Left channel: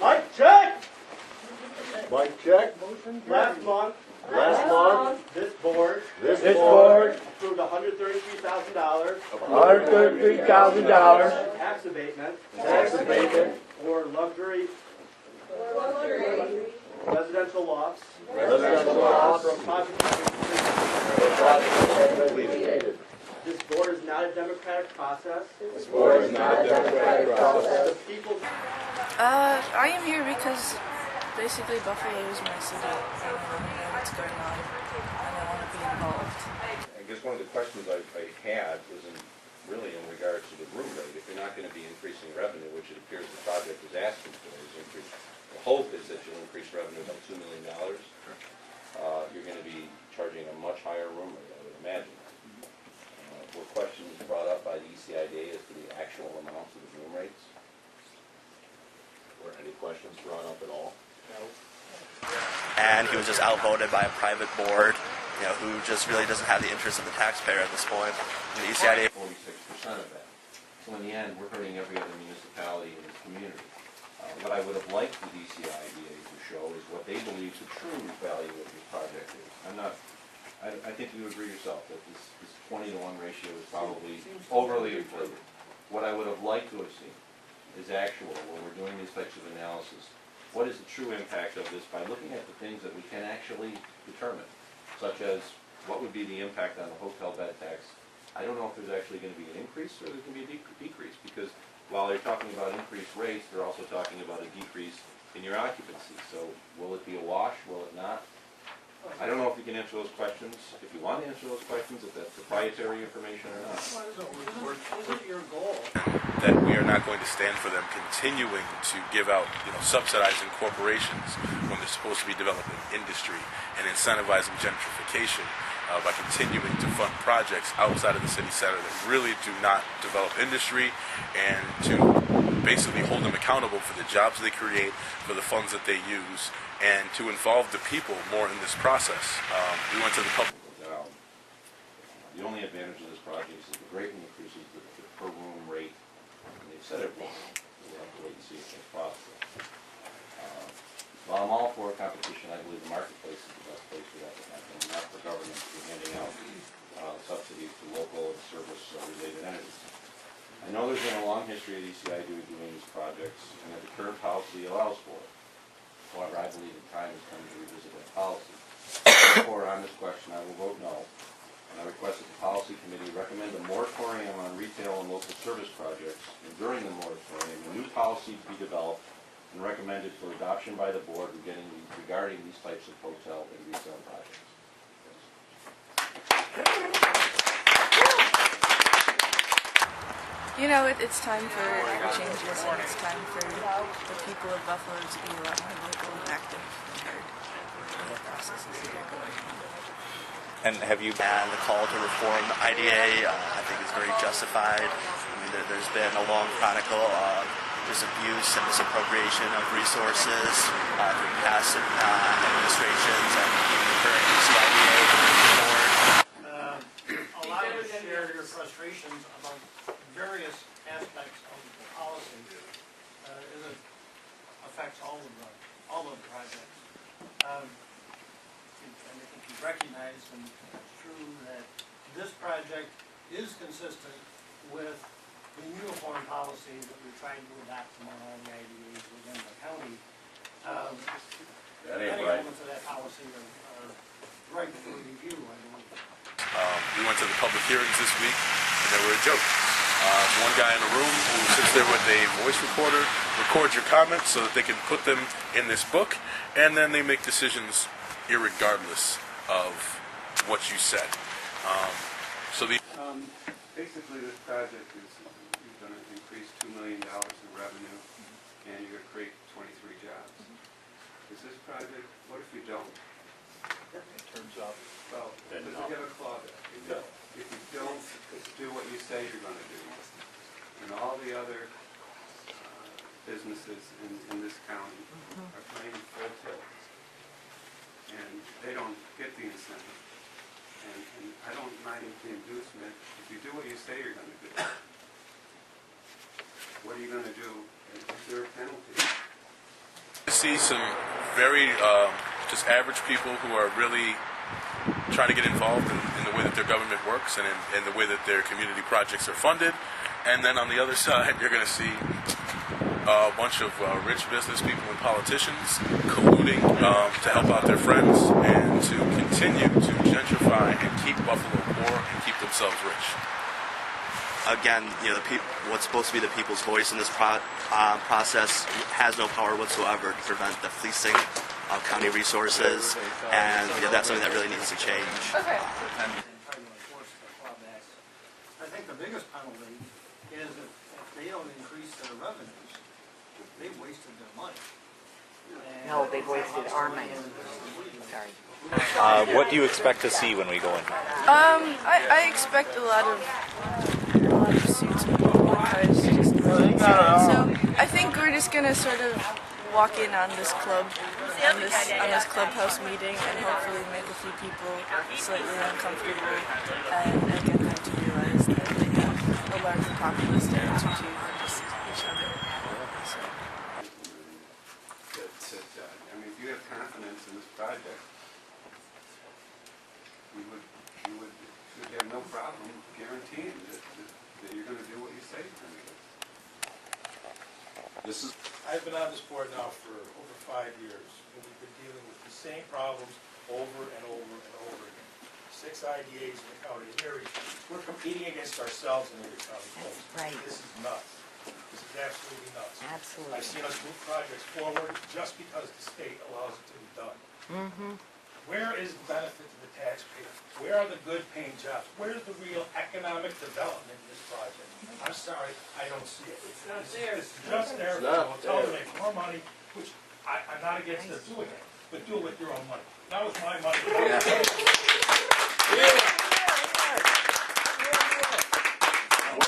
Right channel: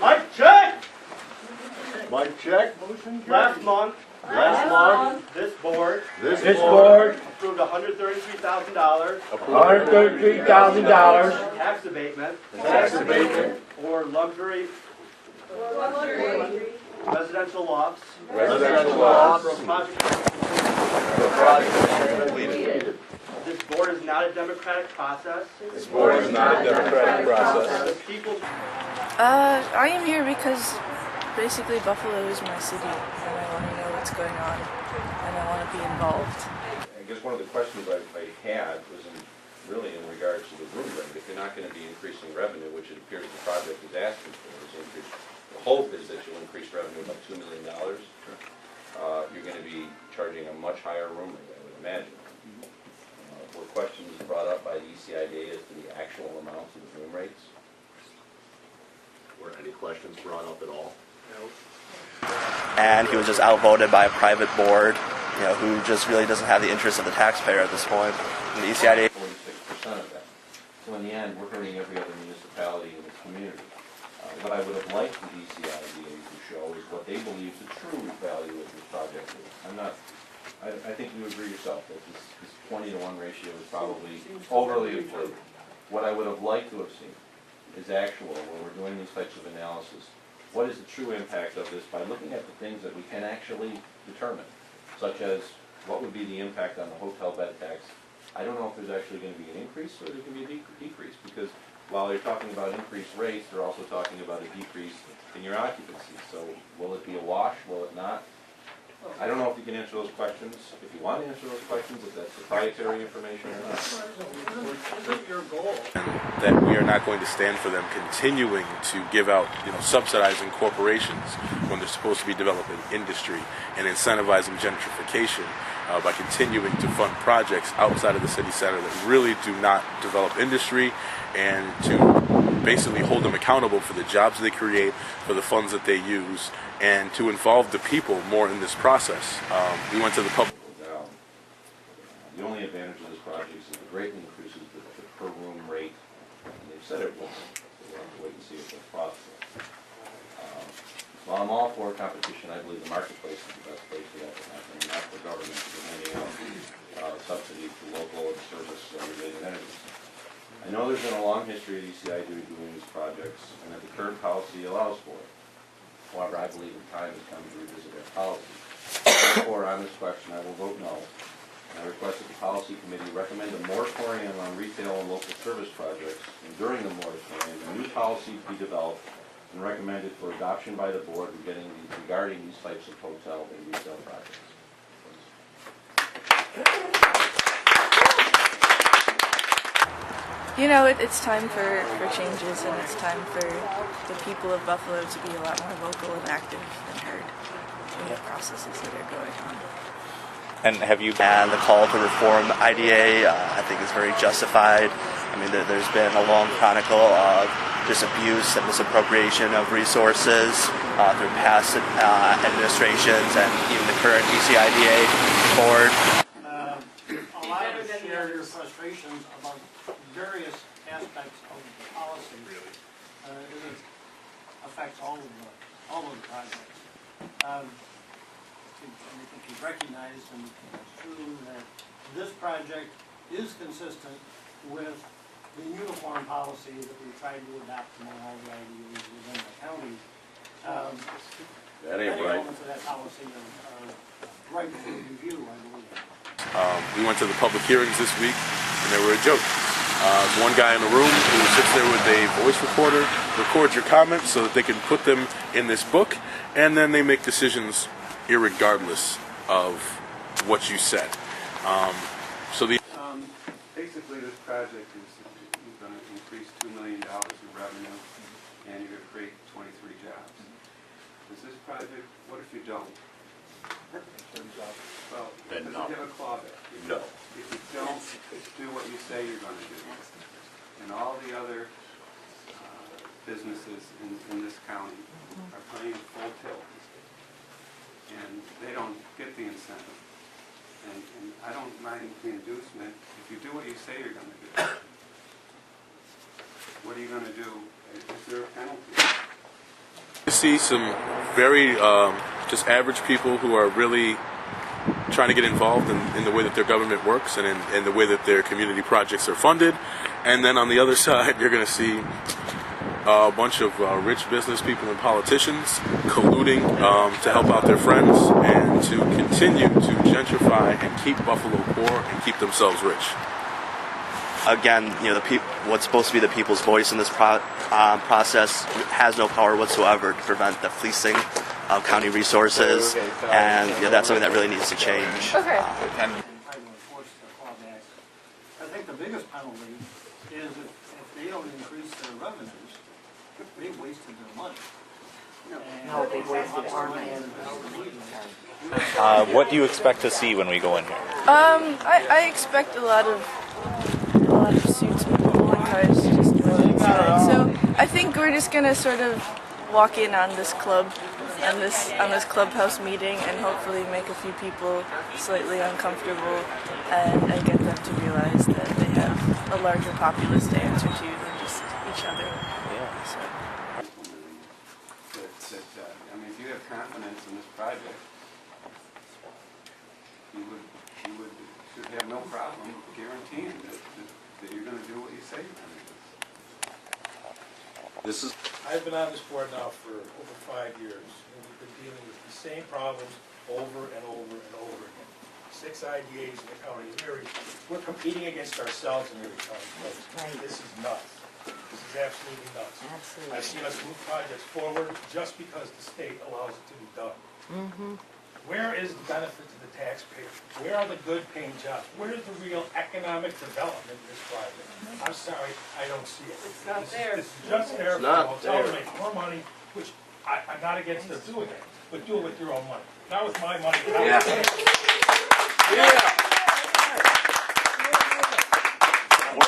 Mike, check! Mike, check. Last month, this board approved $133,000 $133,000 tax abatement for luxury residential lofts for a project completed. This board is not a democratic process. This board is not a democratic process. The people. I am here because basically Buffalo is my city, and I want to know what's going on, and I want to be involved. I guess one of the questions I had was really in regards to the room rate. If you're not going to be increasing revenue, which it appears the project is asking for, the hope is that you'll increase revenue about $2 million. You're going to be charging a much higher room rate, I would imagine. Were questions brought up by the ECIDA as to the actual amounts of the room rates? Were any questions brought up at all? And he was just outvoted by a private board, who just really doesn't have the interest of the taxpayer at this point. And the ECIDA 46% of that. So in the end, we're hurting every other municipality in this community. What I would have liked the ECIDA to show is what they believe the true value of this project is. I think you agree yourself that this 20-to-1 ratio is probably overly inflated. What I would have liked to have seen is actual, when we're doing these types of analysis, what is the true impact of this by looking at the things that we can actually determine, such as what would be the impact on the hotel bed tax. I don't know if there's actually going to be an increase or there's going to be a decrease, because while they're talking about increased rates, they're also talking about a decrease in your occupancy. So will it be a wash? Will it not? I don't know if you can answer those questions. If you want to answer those questions, if that's proprietary information or not. Isn't your goal? And that we are not going to stand for them continuing to give out, subsidizing corporations when they're supposed to be developing industry and incentivizing gentrification by continuing to fund projects outside of the city center that really do not develop industry, and to basically hold them accountable for the jobs they create, for the funds that they use, and to involve the people more in this process. We went to the public. The only advantage of this project is that it greatly increases the per room rate, and they've said it won't, so we'll have to wait and see if that's possible. While I'm all for competition, I believe the marketplace is the best place for that to happen, not for government to be handing out subsidies to local and service-related entities. I know there's been a long history of ECIDA doing these projects, and that the current policy allows for it. However, I believe the time has come to revisit that policy. Therefore, on this question, I will vote no, and I request that the Policy Committee recommend a moratorium on retail and local service projects, and during the moratorium, a new policy be developed and recommended for adoption by the board regarding these types of hotel and retail projects. It's time for changes, and it's time for the people of Buffalo to be a lot more vocal and active and heard in the processes that are going on. and the call to reform the IDA, I think is very justified. I mean, there's been a long chronicle of just abuse and misappropriation of resources through past administrations and even the current ECIDA board. A lot of us share your frustrations about various aspects of the policy. It affects all of the projects. And I think you've recognized, and it's true, that this project is consistent with the uniform policy that we've tried to adopt among all the IDAs within the county. That ain't many right. elements of that policy are right for review, I believe. We went to the public hearings this week, and they were a joke. One guy in the room who sits there with a voice recorder records your comments so that they can put them in this book, and then they make decisions irregardless of what you said. Basically, this project is going to increase $2 million in revenue, and you're going to create 23 jobs. Is this project, what if you don't? In terms of say you're gonna do. And all the other businesses in this county are playing full tilt. And they don't get the incentive. And I don't mind the inducement. If you do what you say you're gonna do, what are you gonna do? Is there a penalty? You see some very just average people who are really trying to get involved in the way that their government works and in the way that their community projects are funded. And then on the other side, you're going to see a bunch of rich business people and politicians colluding to help out their friends and to continue to gentrify and keep Buffalo poor and keep themselves rich. Again, what's supposed to be the people's voice in this process has no power whatsoever to prevent the fleecing of county resources, and that's something that really needs to change. Try to enforce the Club Act. I think the biggest penalty is if they don't increase their revenues, they've wasted their money. No, they wasted our money. What do you expect to see when we go in here? I expect a lot of suits and people and cars just running inside. So I think we're just gonna sort of walk in on this club, on this clubhouse meeting, and hopefully make a few people slightly uncomfortable, and get them to realize that they have a larger populace to answer to than just each other. Yeah. So. I mean, if you have confidence in this project, you should have no problem guaranteeing that you're going to do what you say you're going to do. This is I've been on this board now for over 5 years, and we've been dealing with the same problems over and over and over again. 6 IDAs in the county. We're competing against ourselves in every county place. Right. This is nuts. This is absolutely nuts. Absolutely. I've seen us move projects forward just because the state allows it to be done. Where is the benefit to the taxpayer? Where are the good paying jobs? Where's the real economic development in this project? I'm sorry, I don't see it. It's not there. It's just there for the hotel to make more money, which I'm not against them doing it, but do it with your own money. Not with my money.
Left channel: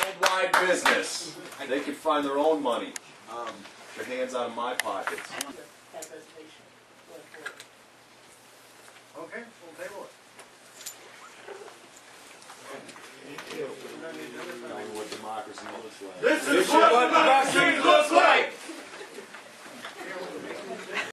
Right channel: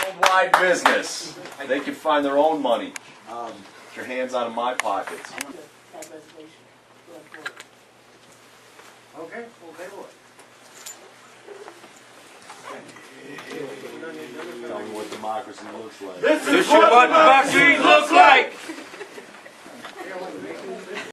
worldwide business. They can find their own money. Get your hands out of my pockets. Okay, we'll table it. Tell me what democracy looks like. This is what democracy